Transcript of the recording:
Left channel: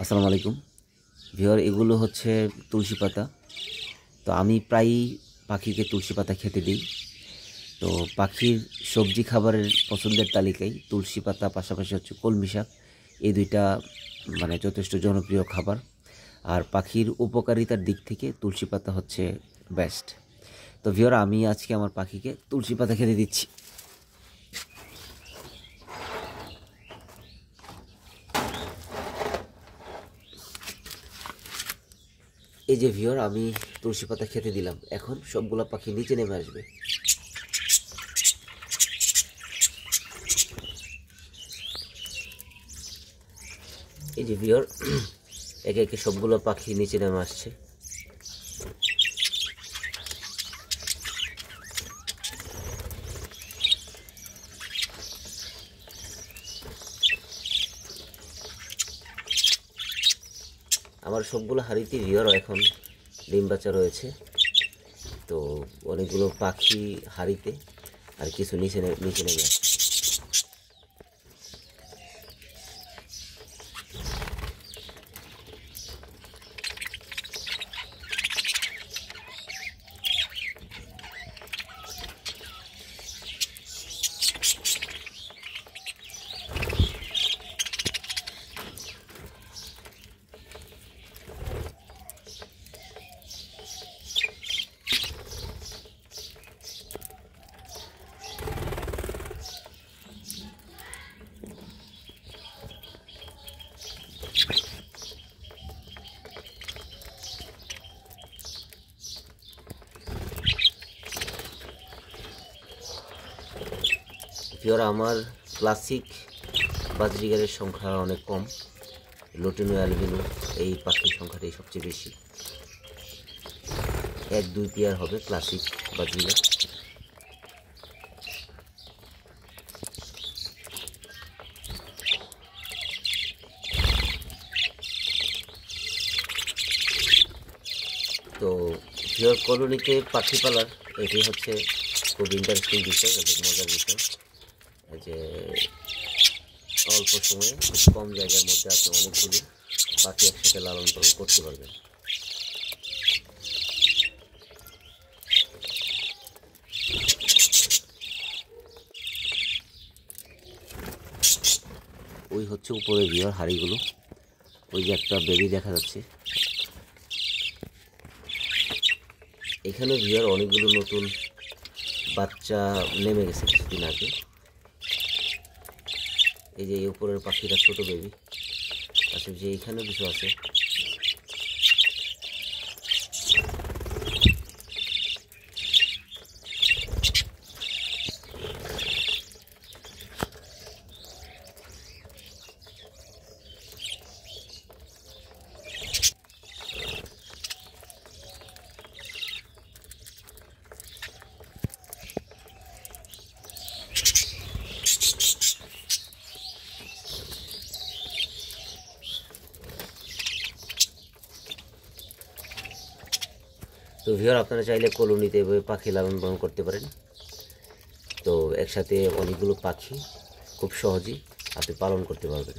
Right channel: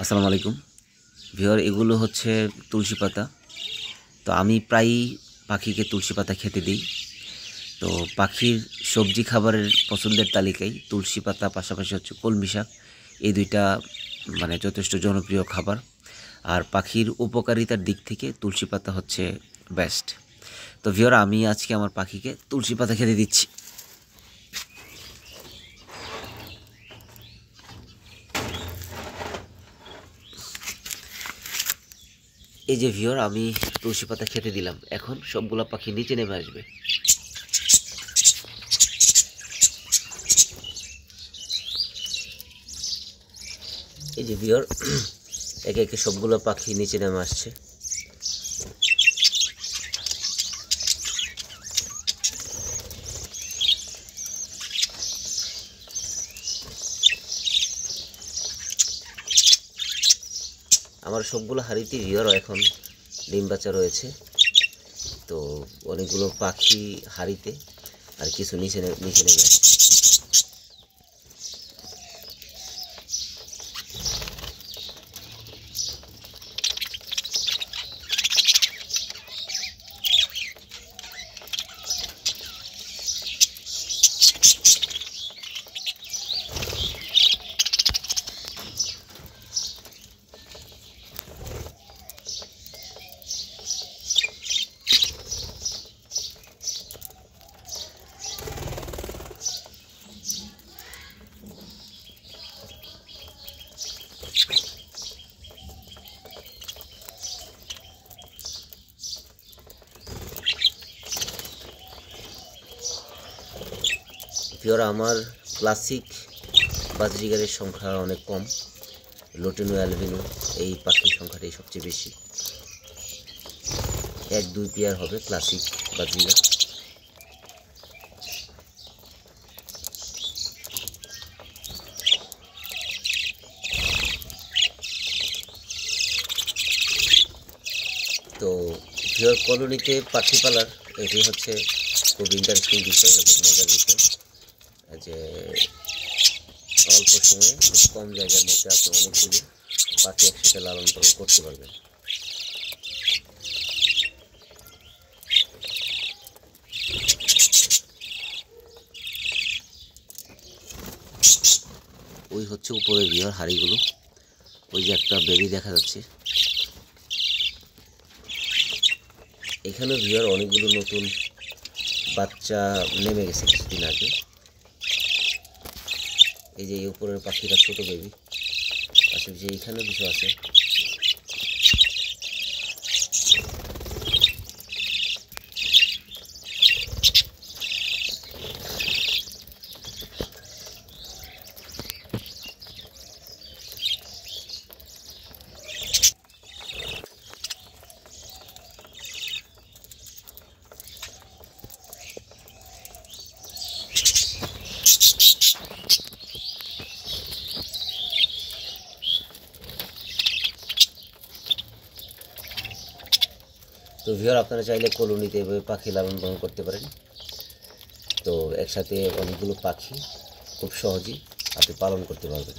আসসালামু আলাইকুম ভিউয়ার, এগুলো হচ্ছে তুলসী পাতা। তো আমি প্রায়ই পাখিকে তুলসী পাতা খেতে দিই। তো পাখির সবজি খাবারের পছন্দের তালিকায় তুলসী পাতা, পাশাপাশি হচ্ছে কলমি শাক, এই দুইটা যথেষ্ট জনপ্রিয় খাবার। আর পাখির উপকারিতার দিক থেকে তুলসী পাতা হচ্ছে বেস্ট। তো ভিউয়ার, আমি আজকে আমার পাখিকে তুলসী পাতা খেতে দিচ্ছি। এই যে ভিউয়ার, আমি তুলসী পাতা খেতে দিলাম। এখন সবগুলা পাখি নিচে নেমে আসবে। এই যে ভিউয়ার, একে একে সবগুলো পাখি নিচে নেমে আসছে। আমার সবগুলো হাঁড়িতে ভিউয়ার এখন ডিম বাচ্চা রয়েছে। তো অনেকগুলো পাখি হাঁড়িতে, আর কিছু নিচে নেমে আসছে। ভিউয়ার, আমার ক্লাসিক বাজরিগারের সংখ্যা অনেক কম। লুটিনো অ্যালবিনো এই পাখির সংখ্যাটাই সবচেয়ে বেশি। 1-2 পেয়ার হবে ক্লাসিক বাজরিগার। তো ভিউয়ার, কলোনিতে পাখি পালার এটি হচ্ছে খুব ইন্টারেস্টিং বিষয় এবং মজার বিষয়, যে অল্প সময়ে খুব কম জায়গার মধ্যে আপনি অনেকগুলো পাখি একসাথে লালন পালন করতে পারবেন। ওই হচ্ছে উপরে ভিউয়ার হাঁড়িগুলো। ওই যে একটা বেবি দেখা যাচ্ছে। এখানে ভিউয়ার অনেকগুলো নতুন বাচ্চা নেমে গেছে কিছুদিন আগে। এই যে উপরের পাখিটা ছোট বেবি, পাশাপাশি এইখানেও কিছু আছে। তো ভিউয়ার, আপনারা চাইলে কলোনিতে এভাবে পাখি লালন পালন করতে পারেন। তো একসাথে অনেকগুলো পাখি খুব সহজেই আপনি পালন করতে পারবেন।